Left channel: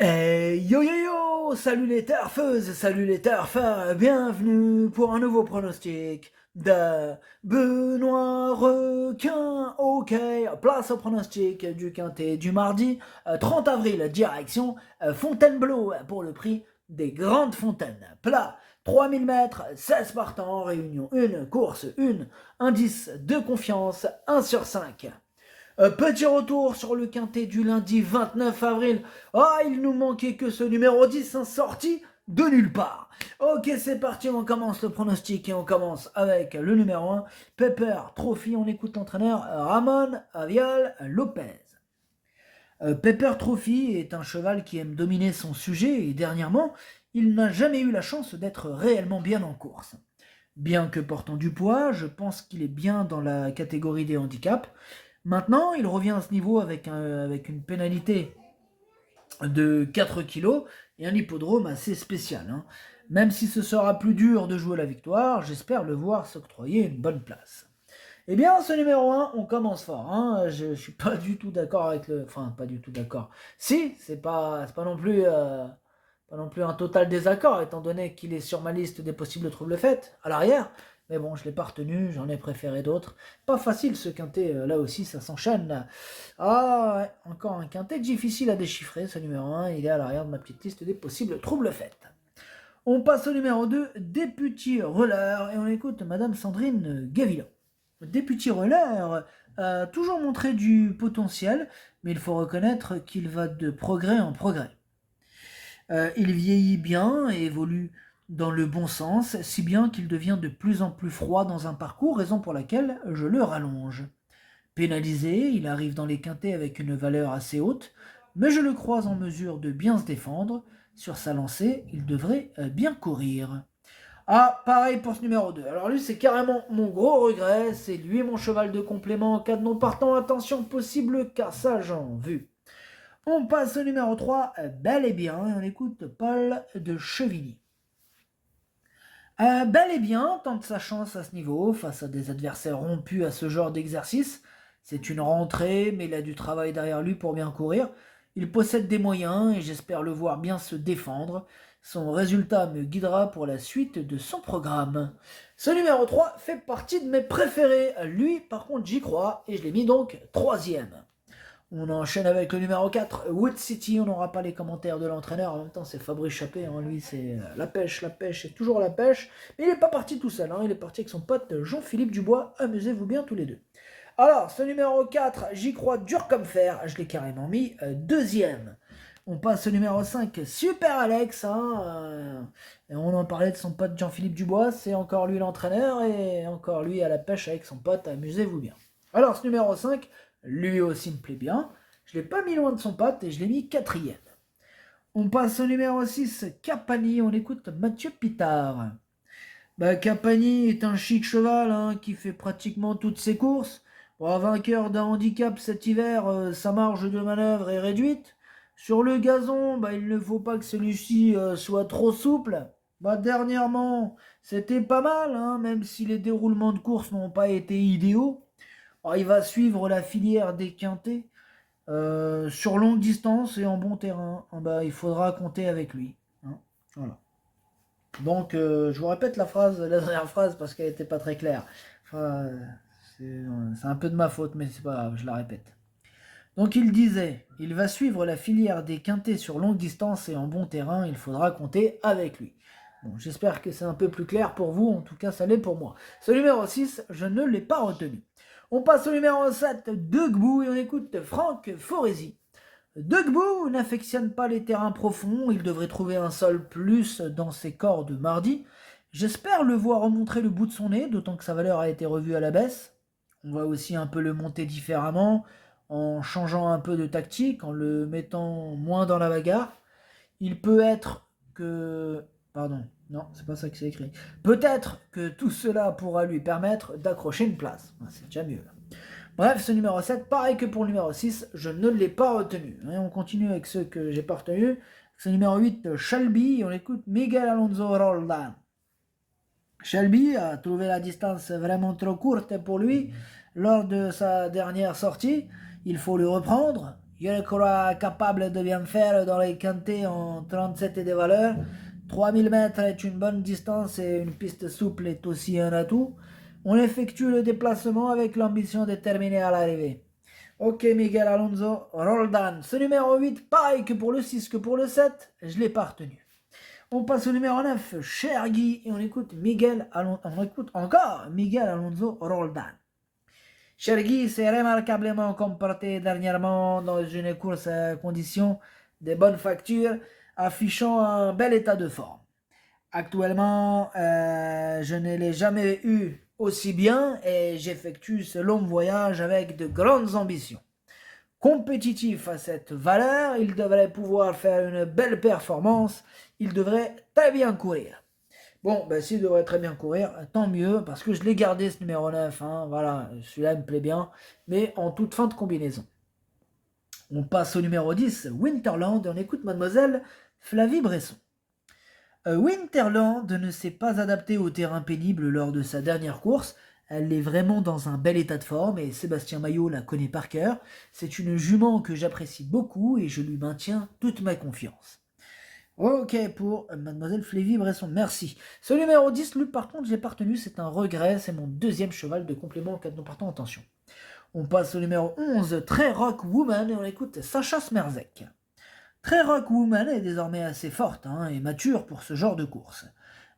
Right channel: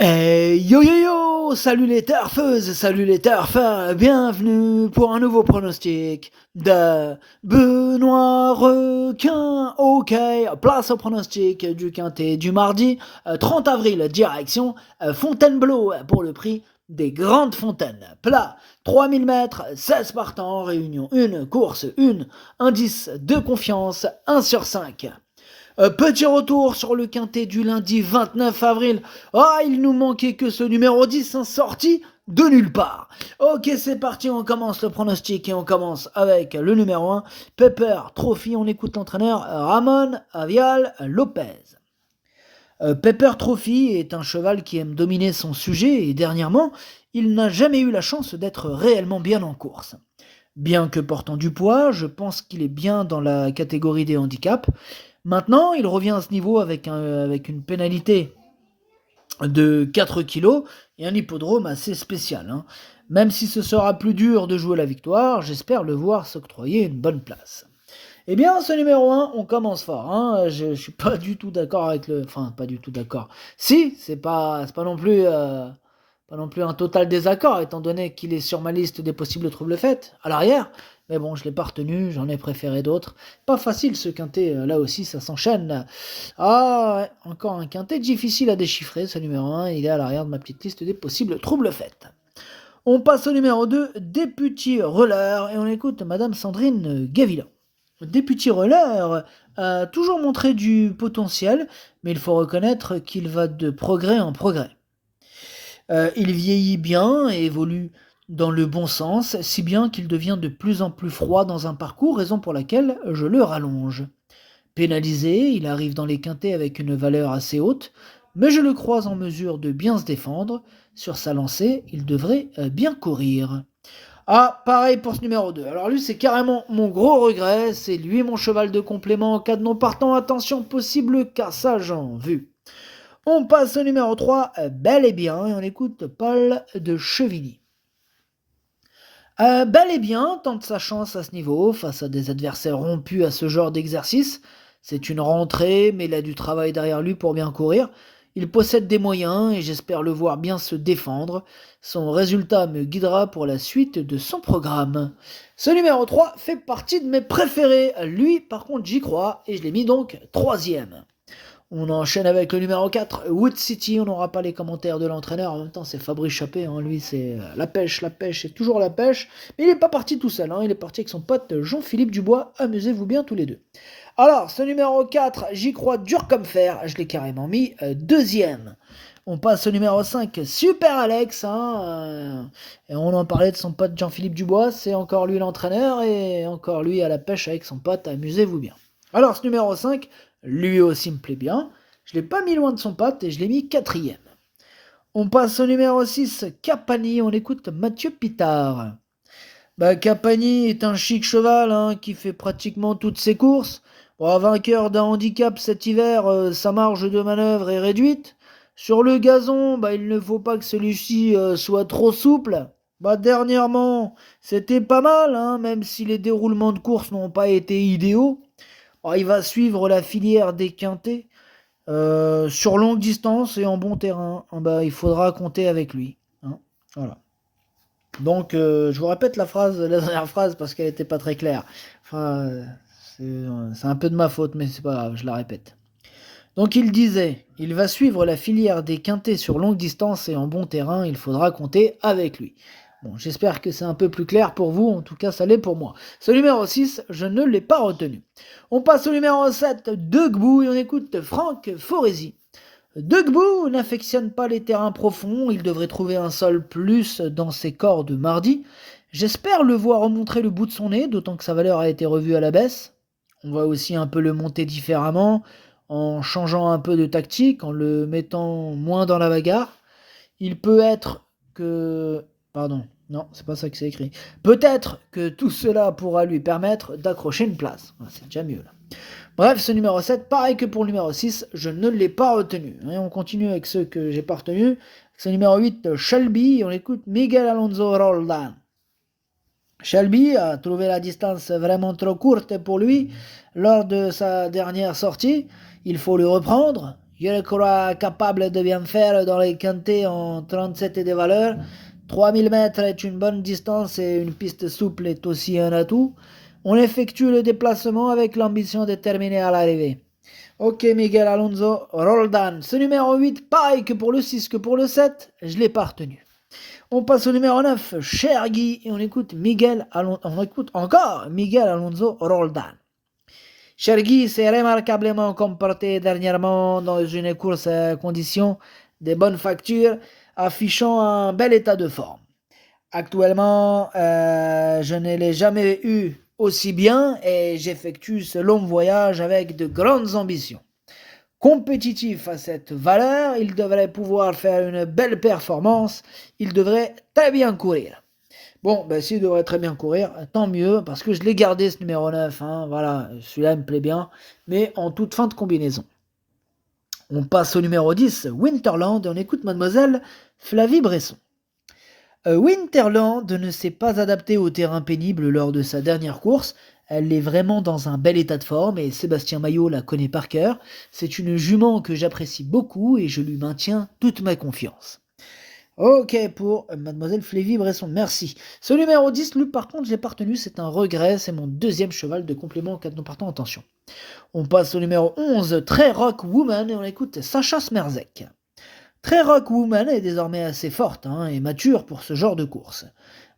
Yo yo yo, salut les turfeuses, salut les turfeurs, bienvenue pour un nouveau pronostic de Benoît Requin. Ok, place au pronostic du quintet du mardi 30 avril, direction Fontainebleau pour le prix des Grandes Fontaines. Plat 3000 mètres, 16 partants, réunion 1, course 1, indice de confiance 1 sur 5. Petit retour sur le quintet du lundi 29 avril. Ah, il nous manquait que ce numéro 10, sorti de nulle part. Ok, c'est parti, on commence le pronostic et on commence avec le numéro 1, Pepper Trophy. On écoute l'entraîneur Ramon Avial Lopez. Pepper Trophy est un cheval qui aime dominer son sujet et dernièrement, il n'a jamais eu la chance d'être réellement bien en course. Bien que portant du poids, je pense qu'il est bien dans la catégorie des handicaps. Maintenant, il revient à ce niveau avec une pénalité de 4 kilos et un hippodrome assez spécial, hein. Même si ce sera plus dur de jouer la victoire, j'espère le voir s'octroyer une bonne place. Eh bien, ce numéro 1, on commence fort, hein. Je suis pas du tout d'accord avec le... Enfin, pas du tout d'accord. Si, c'est pas non plus... pas non plus un total désaccord, étant donné qu'il est sur ma liste des possibles troubles faits, à l'arrière. Mais bon, je l'ai pas retenu, j'en ai préféré d'autres. Pas facile ce quintet, là aussi ça s'enchaîne. Ah ouais, encore un quintet difficile à déchiffrer, ce numéro 1, il est à l'arrière de ma petite liste des possibles troubles faits. On passe au numéro 2, Député Roller, et on écoute Madame Sandrine Gavilla. Député Roller a toujours montré du potentiel, mais il faut reconnaître qu'il va de progrès en progrès. Il vieillit bien et évolue dans le bon sens, si bien qu'il devient de plus en plus froid dans un parcours, raison pour laquelle je le rallonge. Pénalisé, il arrive dans les quintets avec une valeur assez haute, mais je le crois en mesure de bien se défendre. Sur sa lancée, il devrait bien courir. Ah, pareil pour ce numéro 2. Alors lui, c'est carrément mon gros regret. C'est lui mon cheval de complément en cas de non partant. Attention, possible cassage en vue. On passe au numéro 3, bel et bien, et on écoute Paul de Chevigny. Bel et bien tente sa chance à ce niveau, face à des adversaires rompus à ce genre d'exercice. C'est une rentrée, mais il a du travail derrière lui pour bien courir. Il possède des moyens et j'espère le voir bien se défendre. Son résultat me guidera pour la suite de son programme. Ce numéro 3 fait partie de mes préférés. Lui, par contre, j'y crois et je l'ai mis donc troisième. On enchaîne avec le numéro 4, Wood City. On n'aura pas les commentaires de l'entraîneur. En même temps, c'est Fabrice Chappé, hein. Lui, c'est la pêche, c'est toujours la pêche. Mais il n'est pas parti tout seul, hein. Il est parti avec son pote Jean-Philippe Dubois. Amusez-vous bien tous les deux. Alors, ce numéro 4, j'y crois dur comme fer. Je l'ai carrément mis deuxième. On passe au numéro 5, Super Alex, hein, et on en parlait de son pote Jean-Philippe Dubois. C'est encore lui l'entraîneur et encore lui à la pêche avec son pote. Amusez-vous bien. Alors, ce numéro 5, lui aussi me plaît bien. Je ne l'ai pas mis loin de son pote et je l'ai mis quatrième. On passe au numéro 6, Capani. On écoute Mathieu Pitard. Capani est un chic cheval, hein, qui fait pratiquement toutes ses courses. Bon, vainqueur d'un handicap cet hiver, sa marge de manœuvre est réduite. Sur le gazon, il ne faut pas que celui-ci soit trop souple. Dernièrement, c'était pas mal, hein, même si les déroulements de course n'ont pas été idéaux. Il va suivre la filière des quintés sur longue distance et en bon terrain. Il faudra compter avec lui, hein. Voilà. Donc, je vous répète la dernière phrase parce qu'elle n'était pas très claire. Enfin, c'est un peu de ma faute, mais c'est pas grave, je la répète. Donc, il disait, il va suivre la filière des quintés sur longue distance et en bon terrain, il faudra compter avec lui. Bon, j'espère que c'est un peu plus clair pour vous, en tout cas ça l'est pour moi. Ce numéro 6, je ne l'ai pas retenu. On passe au numéro 7, Degbout, et on écoute Franck Foresi. Degbout n'affectionne pas les terrains profonds, il devrait trouver un sol plus dans ses cordes mardi. J'espère le voir remontrer le bout de son nez, d'autant que sa valeur a été revue à la baisse. On va aussi un peu le monter différemment, en changeant un peu de tactique, en le mettant moins dans la bagarre. Il peut être que... Pardon, non, c'est pas ça que c'est écrit. Peut-être que tout cela pourra lui permettre d'accrocher une place. C'est déjà mieux là. Bref, ce numéro 7, pareil que pour le numéro 6, je ne l'ai pas retenu. Et on continue avec ceux que j'ai pas retenus. C'est le numéro 8, Shelby, et on écoute Miguel Alonso Roldan. Shelby a trouvé la distance vraiment trop courte pour lui lors de sa dernière sortie. Il faut le reprendre. Je le crois capable de bien faire dans les quintés en 37 et des valeurs. 3000 mètres est une bonne distance et une piste souple est aussi un atout. On effectue le déplacement avec l'ambition de terminer à l'arrivée. Ok, Miguel Alonso, Roldan. Ce numéro 8, pareil que pour le 6 que pour le 7, je l'ai pas retenu. On passe au numéro 9, Cher Guy, et on écoute on écoute encore Miguel Alonso Roldan. Cher Guy s'est remarquablement comporté dernièrement dans une course à conditions de bonne facture, affichant un bel état de forme. Actuellement, je ne l'ai jamais eu aussi bien et j'effectue ce long voyage avec de grandes ambitions. Compétitif à cette valeur, il devrait pouvoir faire une belle performance, il devrait très bien courir. Bon, ben s'il devrait très bien courir, tant mieux, parce que je l'ai gardé ce numéro 9, hein, voilà, celui-là me plaît bien, mais en toute fin de combinaison. On passe au numéro 10, Winterland, et on écoute mademoiselle Flavie Bresson. Winterland ne s'est pas adaptée au terrain pénible lors de sa dernière course. Elle est vraiment dans un bel état de forme et Sébastien Maillot la connaît par cœur. C'est une jument que j'apprécie beaucoup et je lui maintiens toute ma confiance. Ok pour mademoiselle Flavie Bresson, merci. Ce numéro 10, lui par contre, je l'ai pas retenu, c'est un regret, c'est mon deuxième cheval de complément en cas de non partant, attention. On passe au numéro 11, Très Rock Woman, et on écoute Sacha Smerzek. Très Rock Woman est désormais assez forte et mature pour ce genre de course.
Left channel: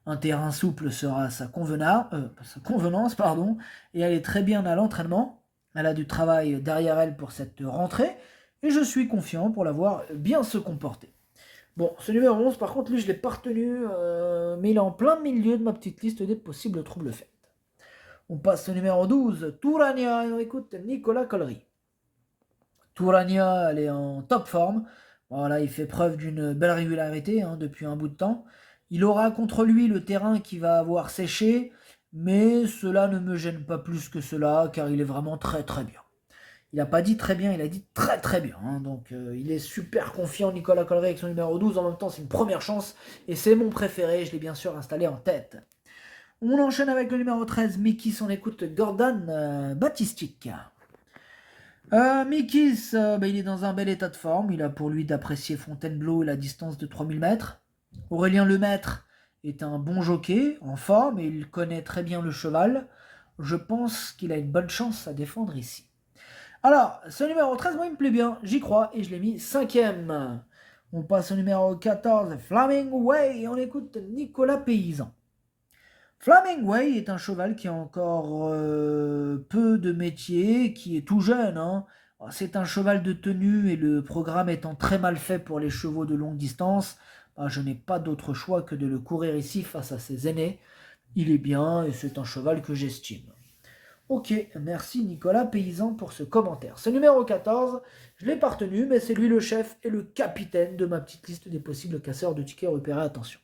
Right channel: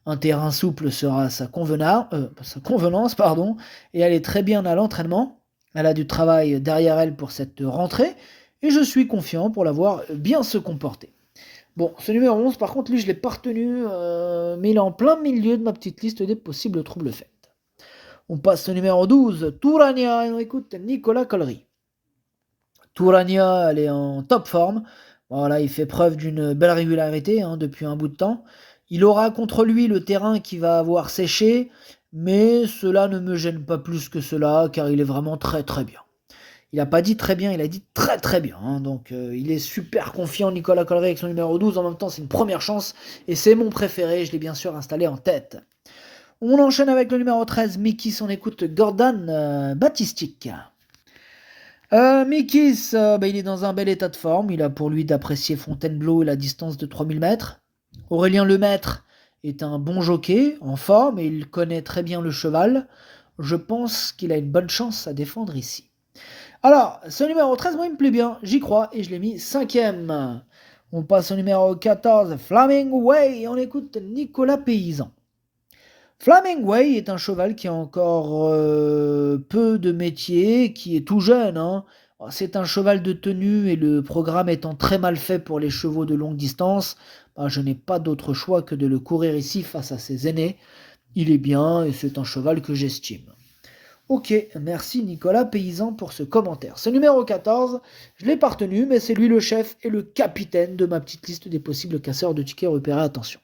Un terrain souple sera sa convenance, et elle est très bien à l'entraînement. Elle a du travail derrière elle pour cette rentrée, et je suis confiant pour la voir bien se comporter. Bon, ce numéro 11, par contre, lui, je ne l'ai pas retenu, mais il est en plein milieu de ma petite liste des possibles troubles faits. On passe au numéro 12, Tourania, et on écoute Nicolas Collery. Tourania, elle est en top forme. Voilà, il fait preuve d'une belle régularité depuis un bout de temps. Il aura contre lui le terrain qui va avoir séché, mais cela ne me gêne pas plus que cela, car il est vraiment très très bien. Il n'a pas dit très bien, il a dit très très bien. Donc il est super confiant, Nicolas Collery, avec son numéro 12. En même temps, c'est une première chance, et c'est mon préféré, je l'ai bien sûr installé en tête. On enchaîne avec le numéro 13, Mikis, on écoute Gordon Batistic. Mikis, il est dans un bel état de forme. Il a pour lui d'apprécier Fontainebleau et la distance de 3000 mètres. Aurélien Lemaître est un bon jockey, en forme, et il connaît très bien le cheval. Je pense qu'il a une bonne chance à défendre ici. Alors, ce numéro 13, moi, il me plaît bien. J'y crois et je l'ai mis 5e. On passe au numéro 14, Flaming Way, et on écoute Nicolas Paysan. Flaming Way est un cheval qui a encore peu de métier, qui est tout jeune. C'est un cheval de tenue et le programme étant très mal fait pour les chevaux de longue distance, je n'ai pas d'autre choix que de le courir ici face à ses aînés. Il est bien et c'est un cheval que j'estime. Ok, merci Nicolas Paysan pour ce commentaire. Ce numéro 14, je l'ai pas retenu, mais c'est lui le chef et le capitaine de ma petite liste des possibles casseurs de tickets repérés, attention.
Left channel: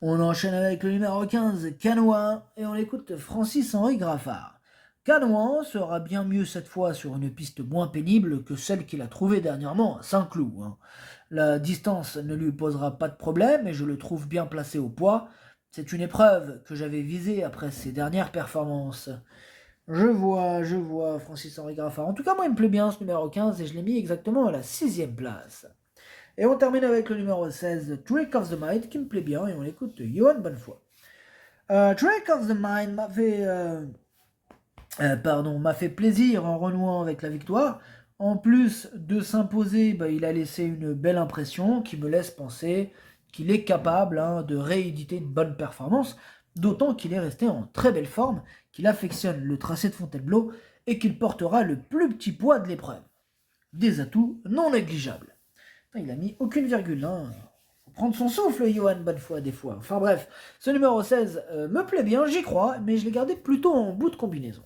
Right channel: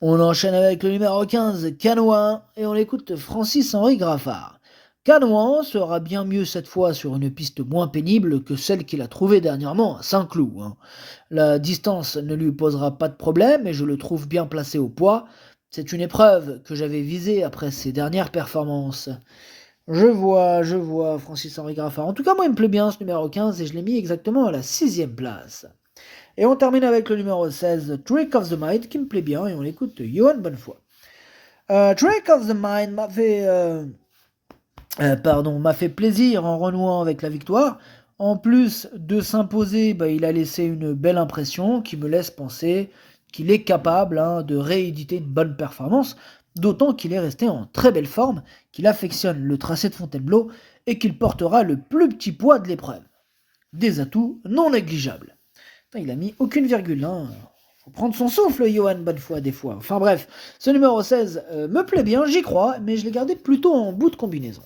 On enchaîne avec le numéro 15, Canouin, et on écoute Francis-Henri Graffard. Canouin sera bien mieux cette fois sur une piste moins pénible que celle qu'il a trouvée dernièrement à Saint-Cloud. La distance ne lui posera pas de problème et je le trouve bien placé au poids. C'est une épreuve que j'avais visée après ses dernières performances. Je vois Francis-Henri Graffard. En tout cas, moi, il me plaît bien ce numéro 15 et je l'ai mis exactement à la 6e place. Et on termine avec le numéro 16, Trick of the Mind, qui me plaît bien, et on l'écoute Johan Bonnefoy. Trick of the Mind m'a fait plaisir en renouant avec la victoire. En plus de s'imposer, il a laissé une belle impression qui me laisse penser qu'il est capable de rééditer une bonne performance, d'autant qu'il est resté en très belle forme, qu'il affectionne le tracé de Fontainebleau et qu'il portera le plus petit poids de l'épreuve. Des atouts non négligeables. Il a mis aucune virgule. Faut prendre son souffle, Johan Bonnefoy, des fois. Enfin bref, ce numéro 16 me plaît bien, j'y crois, mais je l'ai gardé plutôt en bout de combinaison.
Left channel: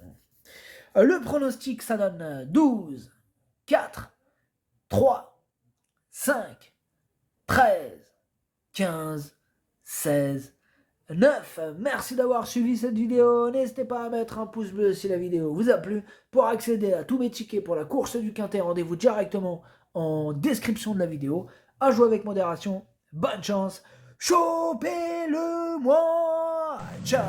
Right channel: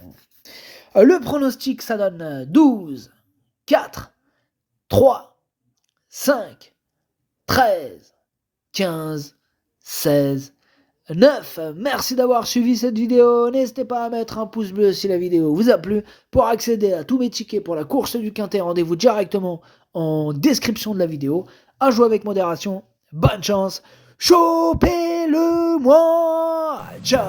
Le pronostic, ça donne 12, 4, 3, 5, 13, 15, 16, 9. Merci d'avoir suivi cette vidéo. N'hésitez pas à mettre un pouce bleu si la vidéo vous a plu. Pour accéder à tous mes tickets pour la course du Quintet, rendez-vous directement en description de la vidéo. À jouer avec modération. Bonne chance. Chopez-le moi. Ciao.